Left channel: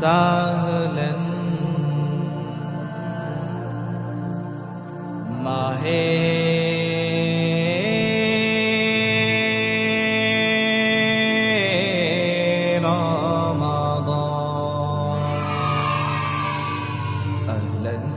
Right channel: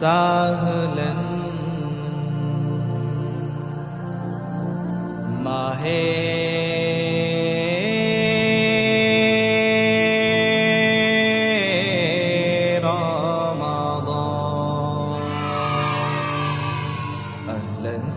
সাহলান মাহে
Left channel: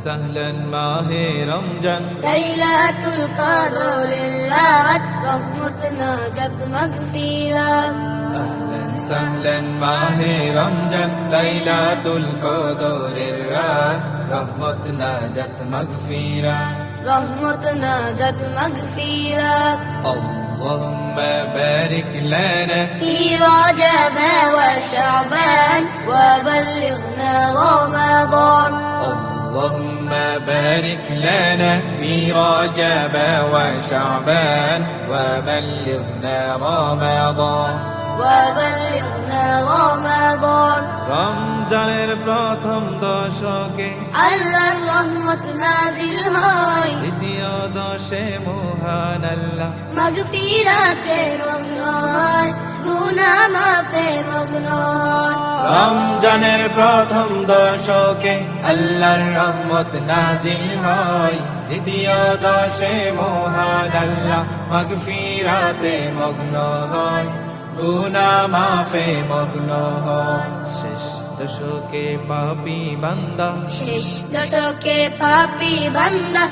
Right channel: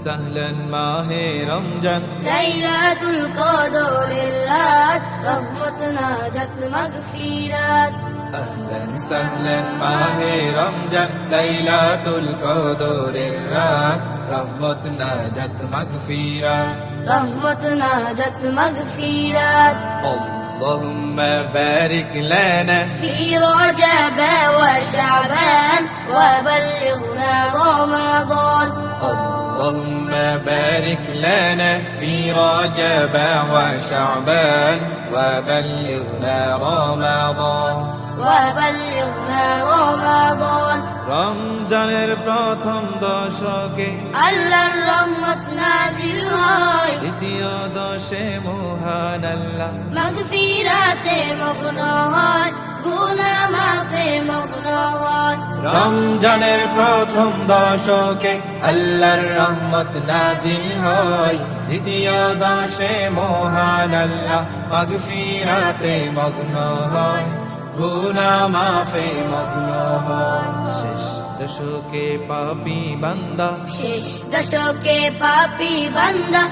সাহলান মাহে রমজান লাইলাতুল কদরের রাত রহমত নাজাত মাগফিরাত আহলান সাহলান মাহে রমজান লাইলাতুল কদরের রাত রহমত নাজাত মাগফিরাত রহমত নাজাত মাগফিরাত اللهم بارك لنا في رجب وشعبان وبلغنا رمضان اللهم بارك لنا في رجب وشعبان وبلغنا رمضان وبلغنا رمضان রমজানের প্রথম দশকে আল্লাহর রহমত নাজিল হয় দ্বিতীয় দশে মহান আল্লাহ মাগফিরাতে মগ্ন হয় গুনাহ মাফে মগ্ন হয় রমজানের প্রথম দশকে আল্লাহর রহমত নাজিল হয় দ্বিতীয় দশে মহান আল্লাহ মাগফিরাতে মগ্ন হয় গুনাহ মাফে মগ্ন হয় শেষ দশকে পাপী বান্দা শেষ দশকে পাপী বান্দা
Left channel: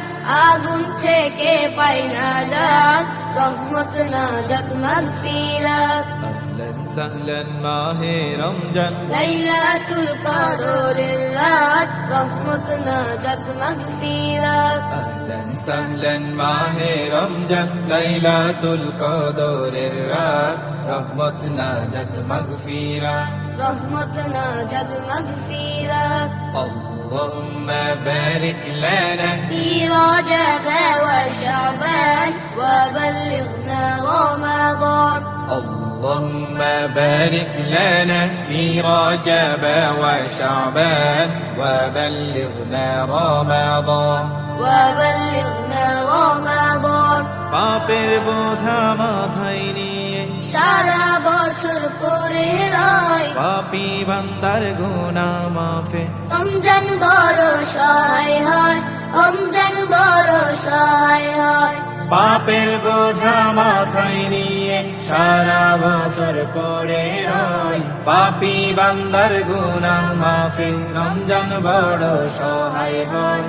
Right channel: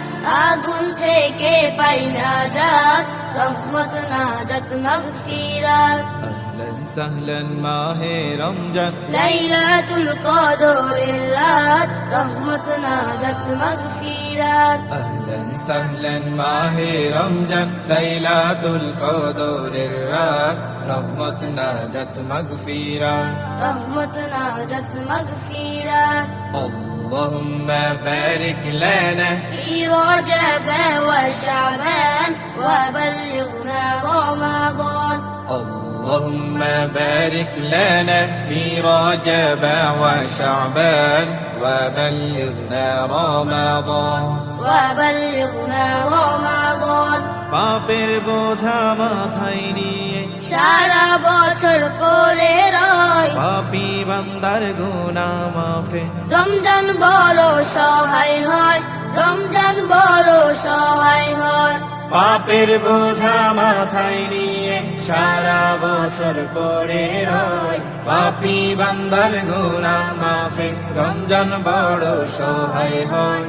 আগুন থেকে পাই নাজাত রহমত নাজাত মাগফিরাত আহলান সাহলান মাহে রমজান লাইলাতুল কদরের রাত রহমত নাজাত মাগফিরাত আহলান সাহলান মাহে রমজান লাইলাতুল কদরের রাত রহমত নাজাত মাগফিরাত রহমত নাজাত মাগফিরাত اللهم بارك لنا في رجب وشعبان وبلغنا رمضان اللهم بارك لنا في رجب وشعبان وبلغنا رمضان وبلغنا رمضان পাপের বোঝা মাথায় নিয়ে সারা বছর পরে রয় পাপী বান্দার গুনাহ মাফে রমজান বড় সহায় হয় রমজান বড় সহায় হয় পাপের বোঝা মাথায় নিয়ে সারা বছর পরে রয় পাপী বান্দার গুনাহ মাফে রমজান বড় সহায় হয়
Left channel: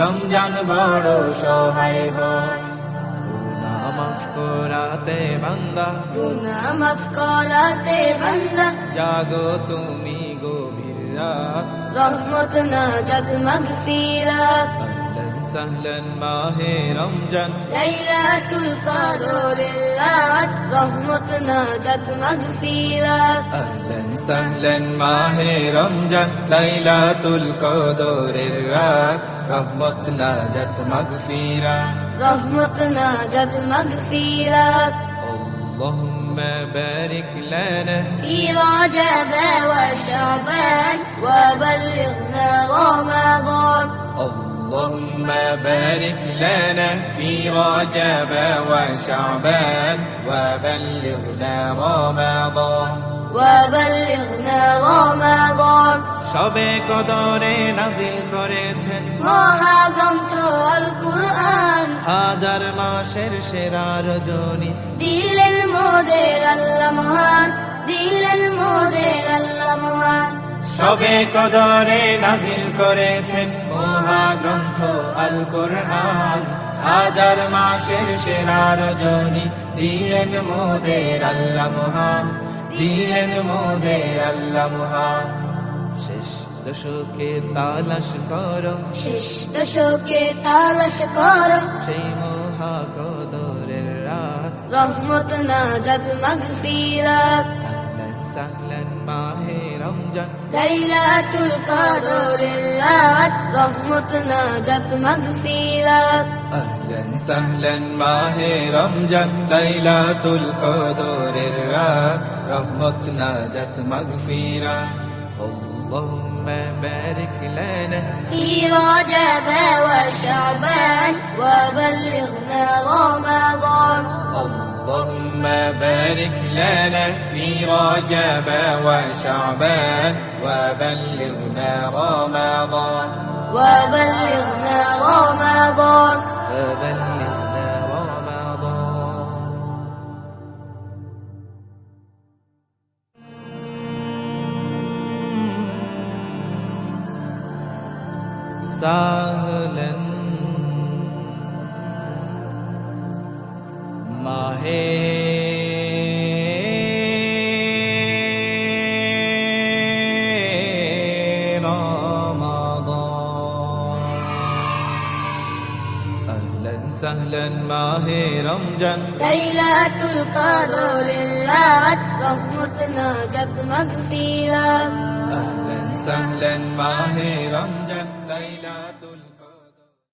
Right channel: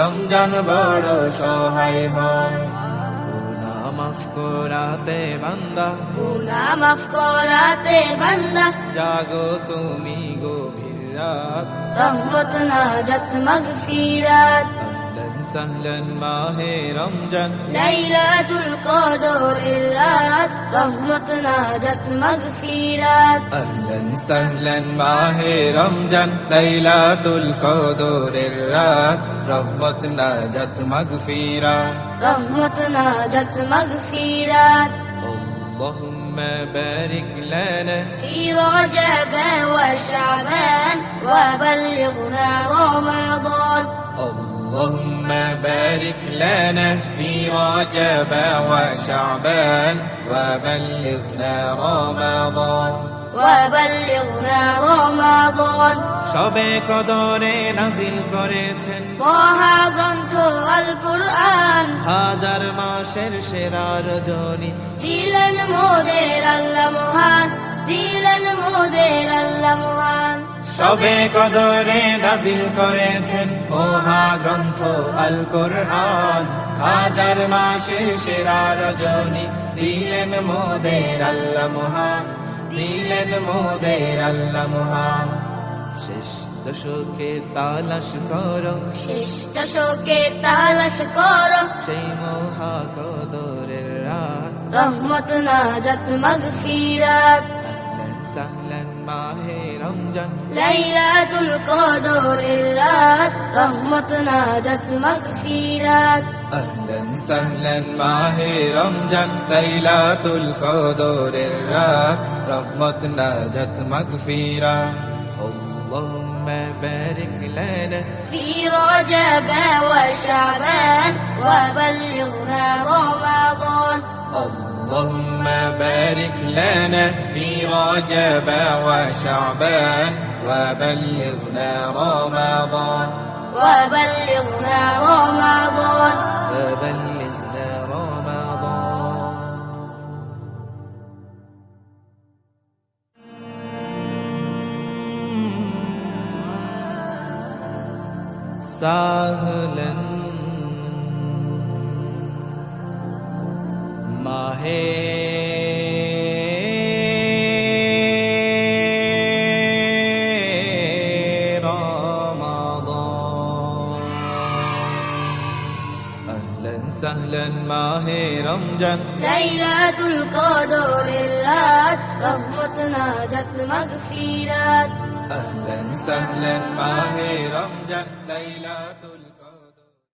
রমজান বড় সহায় হয় গুনাহ মাফ করাতে বান্দা গুনাহ মাফ করাতে বান্দা জাগো তুমি গভীর রাত রহমত নাজাত মাগফিরাত আহলান সাহলান মাহে রমজান লাইলাতুল কদরের রাত রহমত নাজাত মাগফিরাত আহলান সাহলান মাহে রমজান লাইলাতুল কদরের রাত রহমত নাজাত মাগফিরাত রহমত নাজাত মাগফিরাত اللهم بارك لنا في رجب وشعبان وبلغنا رمضان اللهم بارك لنا في رجب وشعبان وبلغنا رمضان وبلغنا رمضان সবে কদরে নাজিল করেছেন মহাগ্রন্থ আল কুরআন হাজার মাসের সেরা রজনী দিলেন মোদের আল্লাহ মহান দিলেন মোদের আল্লাহ মহান সবে কদরে নাজিল করেছেন মহাগ্রন্থ আল কোরআন হাজার মাসের সেরা রজনী দিলেন মোদের আল্লাহ মহান দিলেন মোদের আল্লাহ মহান শেষ দশকে তালাশ করো শেষ দশকে তালাশ করো সেই মহা কদরের রাত রহমত নাজাত মাগফিরাত আহলান সাহলান মাহে রমজান লাইলাতুল কদরের রাত রহমত নাজাত মাগফিরাত আহলান সাহলান মাহে রমজান লাইলাতুল কদরের রাত রহমত নাজাত মাগফিরাত اللهم بارك لنا في رجب وشعبان وبلغنا رمضان اللهم بارك لنا في رجب وشعبان وبلغنا رمضان وبلغنا رمضان وبلغنا رمضان. سهلا মাহে রমাদান আহলান সাহলান মাহে রমজান লাইলাতুল কদরের রাত রহমত নাজাত মাগফিরাত আহলান সাহলান মাহে রমজান লাইলাতুল